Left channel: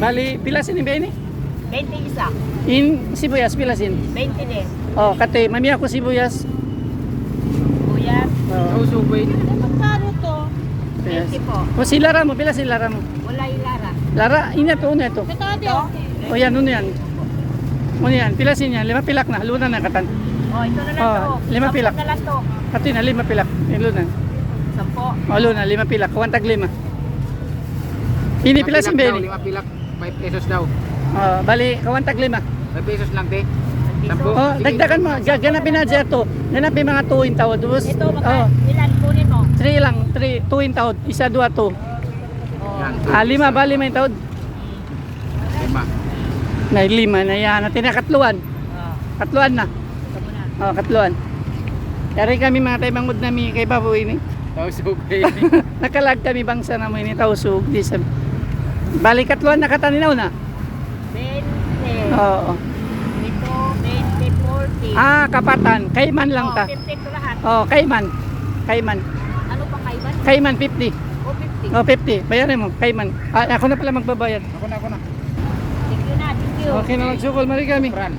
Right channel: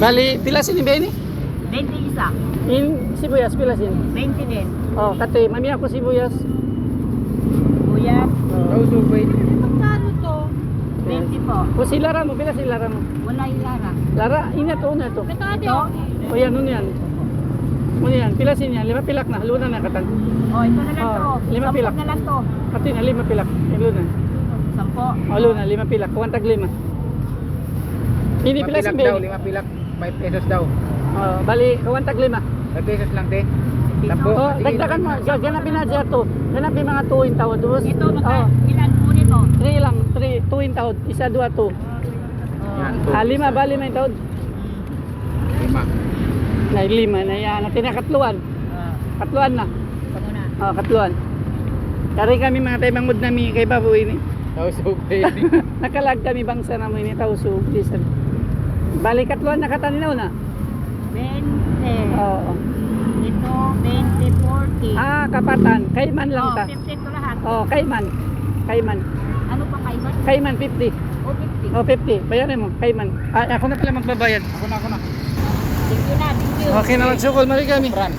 Bali, pilasin ni Benny? 20 isa. In sibuyas, pilasin. 20 din. Oh, kate, mami ako sibuyas. Kuya, Usog po ini. magkano to? 20 po. O si Lara mo, pilasin Lara mo. Wala yung lara. Lara, ina to, una to. Ito? O yan, ano yan? Ano yan, pilasin yan, 5 pilak na, luna na katan. Oh, ito na lang to. 5 pilak. 10 na lang to. Kati na, 5 pilak, luna. 10. O luna, 5 pilak, kuwantag 5. Hindi pilasin Benny. 5 pilak, 5 pesos daw. Bali, kuwantag 5. 5 pesos lang, te. Sampo. Oh, dagdagan mo, ganapin na dyan to. Ganapin mga 2 in taon. Tapos, Ito, ilan po nito? 3 lang, 2 in taon. Isa, 2, 2. Oh. 5 ba, 5 in taon? 5. Na 5 na yan. Natin na katluan. Oh. Katluan na. Ano na? Oh, katluan. Kari kami mga tayo bangod namin kay Babu ini. Usog po ini. Nakalag kami bangsa na mo ini tausog. Bali katluan na kataninaw na. 20. Oo. Ito, 20, 40. Kapatan. Kaiman lang Oh, ta. 50 to lahat. Kaiman. Kaiman. Ano pang kailan? Kaiman 50. O 50. 50. Bayaran mo. Kaiman. Ako na pala magbabayad. Ako na. Thank you na, thank you. Okay na magsukol. Mali kami. Fran.